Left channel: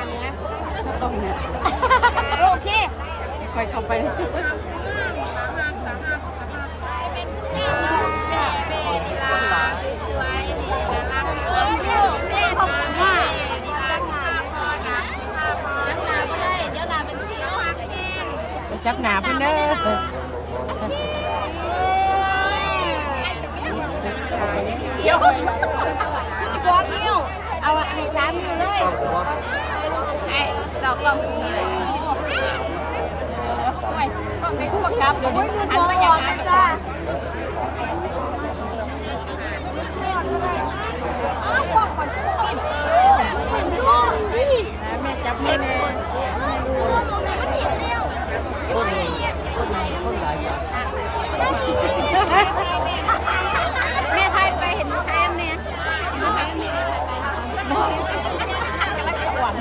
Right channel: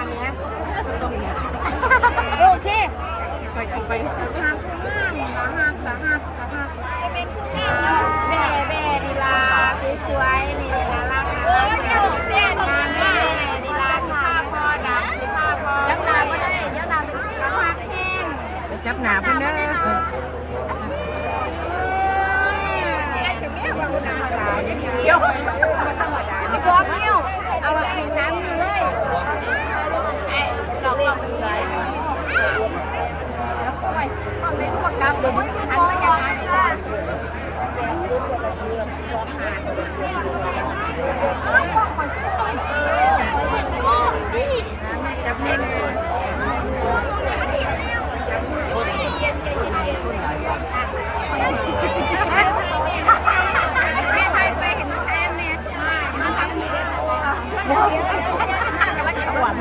แต่กล้องหน้าเนี่ยโอเคไปเข้าไปไปจับหนาเพิ่นเด้อเดี๋ยวสองนิ้วเอาให้สามนิ้วเลย ฟังไปทั่วครับเดี๋ยวนี้หันไปยังไงจะของอ้าวบอกก่อนก็ต้องเออแม่จับแม่แม่ แม่ไทยไปเห็นแทนเนี่ย กำลังสวรรค์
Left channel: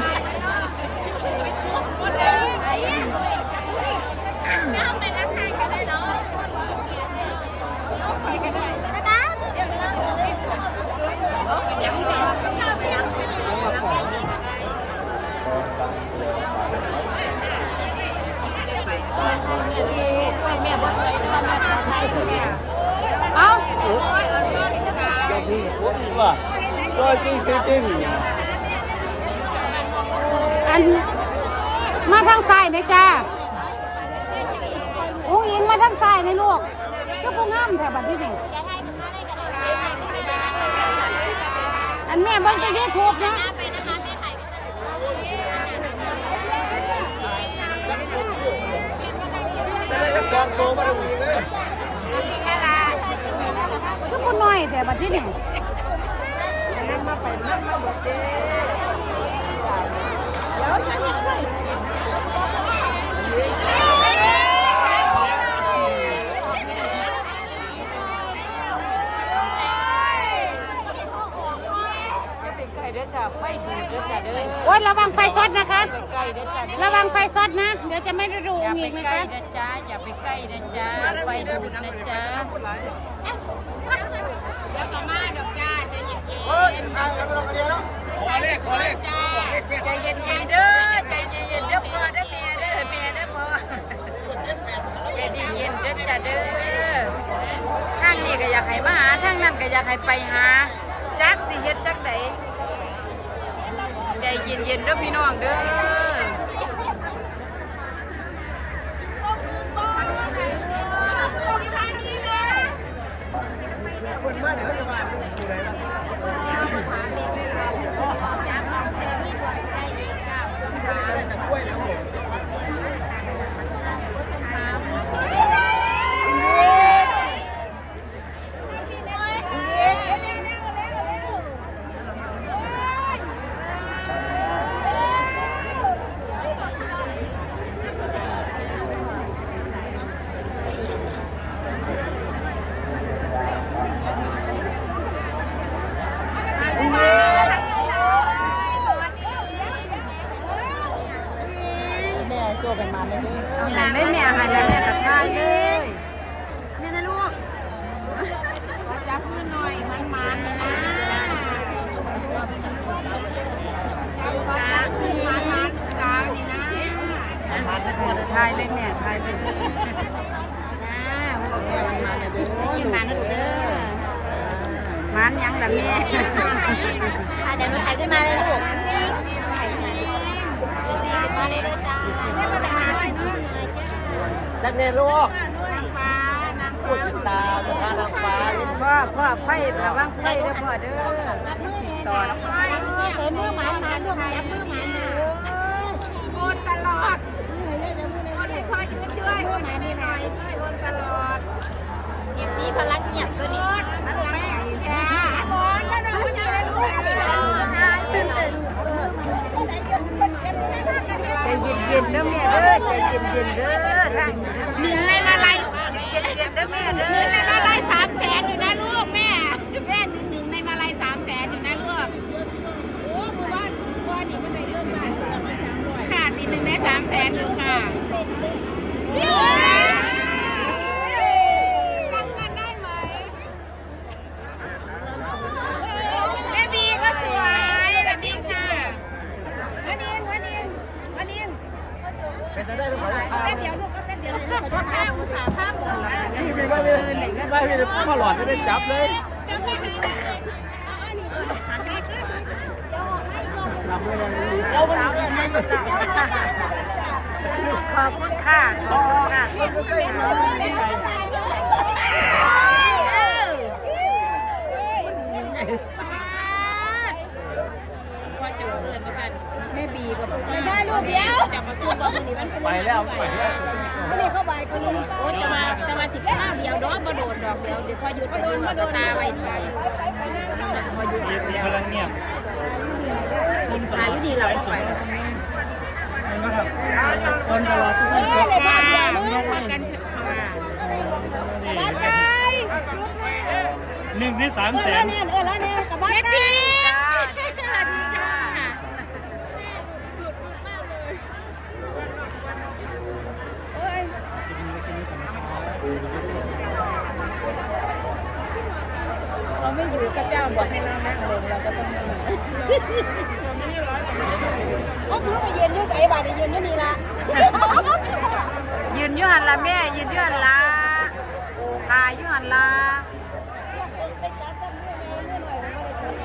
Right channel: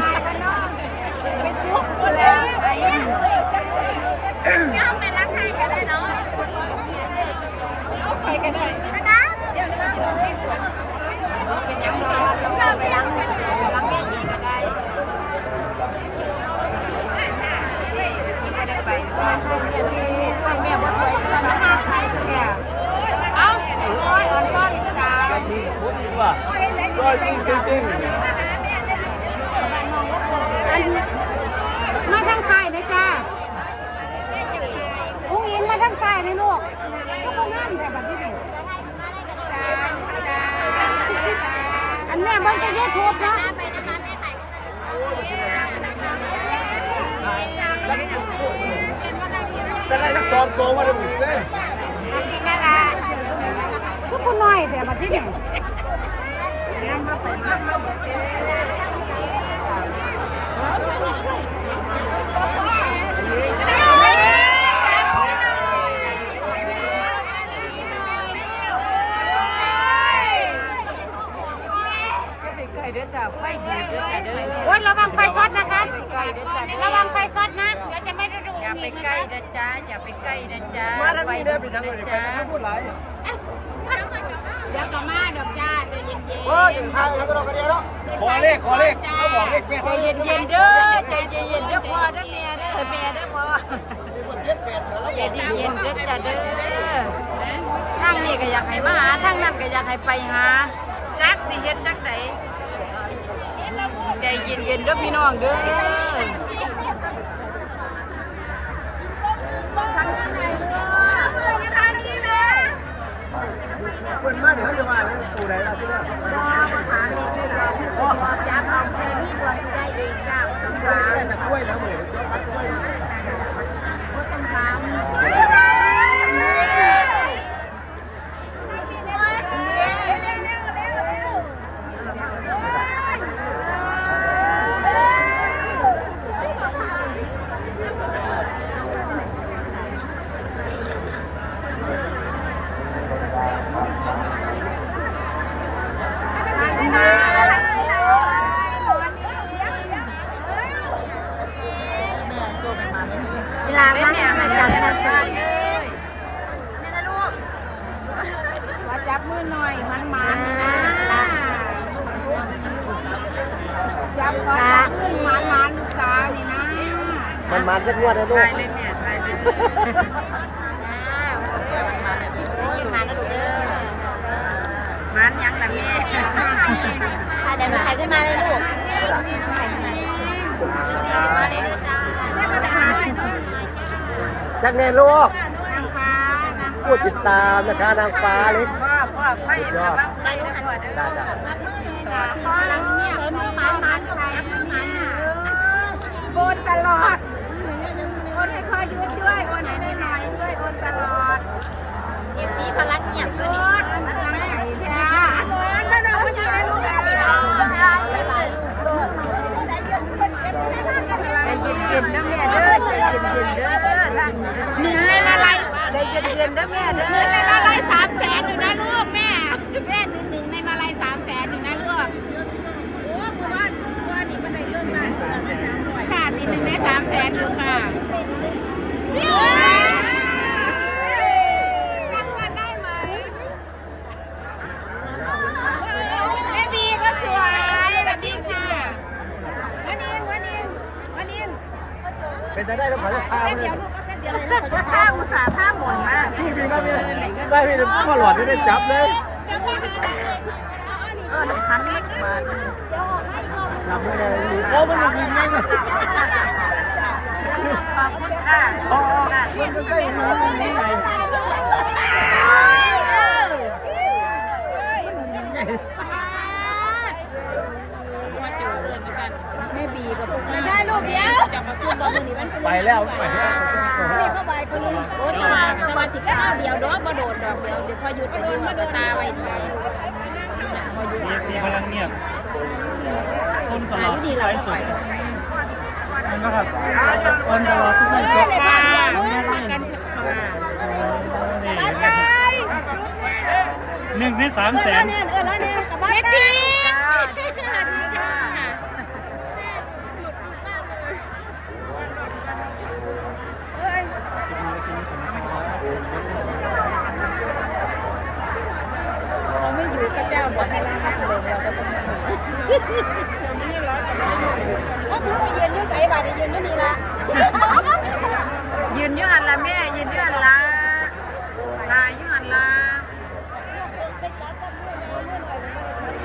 แม่บ่สวยนะคะแม่ขอไทยคือแม่เอ้า มว่าจริงจริงอันมาทางซ้ายนะจ้าอุ้งอิงมาทางซ้ายนะลูกก็บ่งามแถวบัดนี้นี่อันแม่บิ่งไปยูทูบนะแต่ได้สักสองตัวมาดูเลยน่ารัก บ่น้อยแต่บัดนี้นี่จะไปใกล้เด้อจ้าไฟดูเด้อจ้าเด้อโอ้ยระวังไฟช็อตนะคะไปใกล้เด้อจ้ะเด้อระวังไฟช็อตนะเดี๋ยวจะไม่ได้ดูอย่าไปใกล้นะจ๊ะอย่าไปใกล้นะจ๊ะมาไฟด้ดูเป็นะจ้างแล้วก็ต้องกระเดียวแล้ว ขอเลขขอเลขเขาบอกเลขเป็นใจเย็นเย็นเด้อใจเย็นเย็นเด้อพ่อเด้อแม่เด้อแม่เด้อพ่อใจดีเย็นเด้อจ้ะเด้อทางนี้ก็อยากให้มาหาทางนั้นก็อยากให้ไปหาจักสิเฮ็ดจักไหนใจเย็นเย็นเด้อพี่น้องเด้อ มันมาเดี๋ยวจะว่าตัวไหนแต่กล้วยแล้วหมู เล่นแม่มาอย่าได้ทางเลยจับมือหน่อยมันมาจับตาขึ้นมาทานตานี่นะมันมาทุกวันเลยถ่ายเล่นแม่ถ่ายเล่นมันยังแบบนี้ค่ะเดี๋ยวหนูถ่ายขึ้นมาเลยลูก นักเรียนลูกพูดติดตามนะคะนางฟ้าพ่อพ่อไฟระวังไฟได้เด้อหันพ่อเด้อกล้องกลับมาได้สิต่อพ่อยเนี่ยเห็นมือหมานหมานด้วยจับมือหมานน่ะโอนตลอดโอนให้พ่อยืนด้วยโอนให้ได้หายด้วยโอนตลอดเอฟซีพลังเงียบก็นี่ เย็นเย็นๆเด้อแม่เด้อใจเย็นเย็นๆเด้อหนึ่งในละลายใจเย็นเย็นๆเด้อแม่เด้อหนึ่งในมาลายสามแสนหนึ่งนะลูกแม่แม่หนึ่งหนึ่งในมาลายสามแสนหนึ่งนะลูกค่ะตีหนึ่งในสามแสนอยู่ค่ะจำกันได้ไหมแม่บีก็สวย เป็นได้แป๊บเดียวลูกก็แป๊บเดียวเลยลูกจะข้าวอุตส่าห์ข้าวหมดมาพี่เป็นกันเลยได้พี่พ่อหลอดไม่ได้จับเลยเดี๋ยวพ่อให้เออหันแรกมาเอามันยิงไงเลยขอบคุณค่ะอ๋อมันใกล้มันยิงไง จูเอิญมาสั่นแม่บีกับไม่ได้ลูกเดียว จะมาพูดบอกคนนี้มันเป็นไปแล้วไปแล้วคนนี้ก็ใบคนนี้โอ้จะมาจะมาสิบข้าวเดียวดอกมาโดนดอกเดียวเดี๋ยวพอหยุดไปดูว่าตาไว้ดีพอหยุดเดียวกำลังเงียบตาอยู่ดีเราก็ไปนะครับคนตลอดเออในบ้านเดียวนู้นพักกันเถอะค่ะบ้านไก่หนึ่งที่สามแสนเนี่ยเออแล้วเนี่ยกับบ้านไก่ เขาไม่อยู่ข้าเจ้าบอกให้เรานั่งลงเราก็ต้องนั่งก็คือไปยืนอยู่ใส่บาทยืนอยู่นี่ละยืนอยู่หันละแม่ยืนอยู่หันละถ่ายอยู่หันละได้จับแต่เมื่อไงเมื่อหน่อยผมไม่ได้จับไป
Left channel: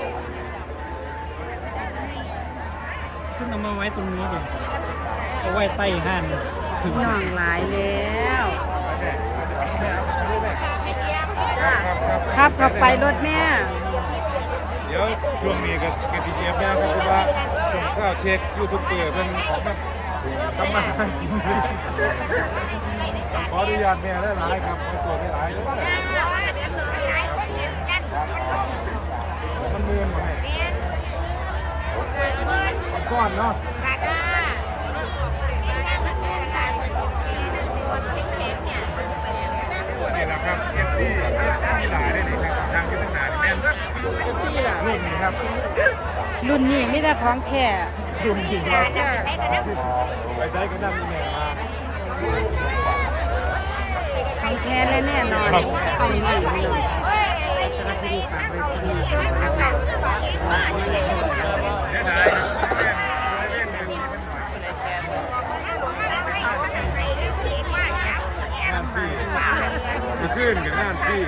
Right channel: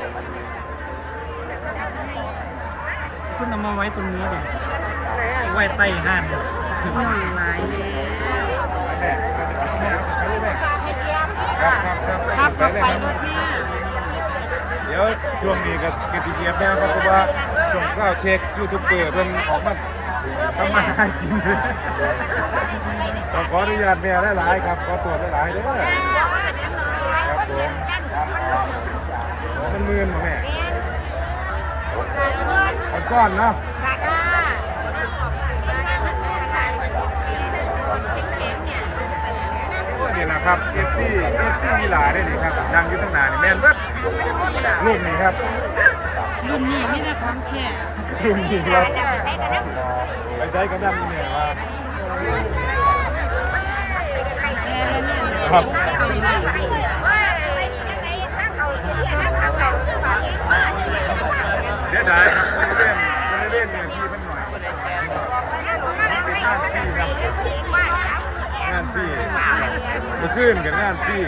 คุณเอามาไว้ตรงนี้เลยเอาไว้ใต้ห้านน้องหลายแล้ว ครับรถไปรถแม่ยเดี๋ยวช่วงนี้ก็กสิเกียบแล้วครับเพราะว่าช่วงเช้าเช็คยูทูบเบอร์เพิ่นออกมาทำมาหากินขออนุญาตแม่หลายๆครับขอตัวหลายๆเลยมันมือนแม่มันซ่อนเนาะ นี่แหละครับเอฟซีเอฟซีมีหลายได้นี่ครับดังยุทธนานแม่นเบิดลูกนี่ครับรุ่นนี้ไม่ได้ของแค่ลูกนี่ไปใช้กันดังนี่เนี่ยครับแค่เลยเนี่ยนะครับเอาอีกแล้วเสียดายครับบริเวณบริเวณเนี่ยมีมันหน่อยเป็นหน้าที่านพี่ขึ้นกับงานพี่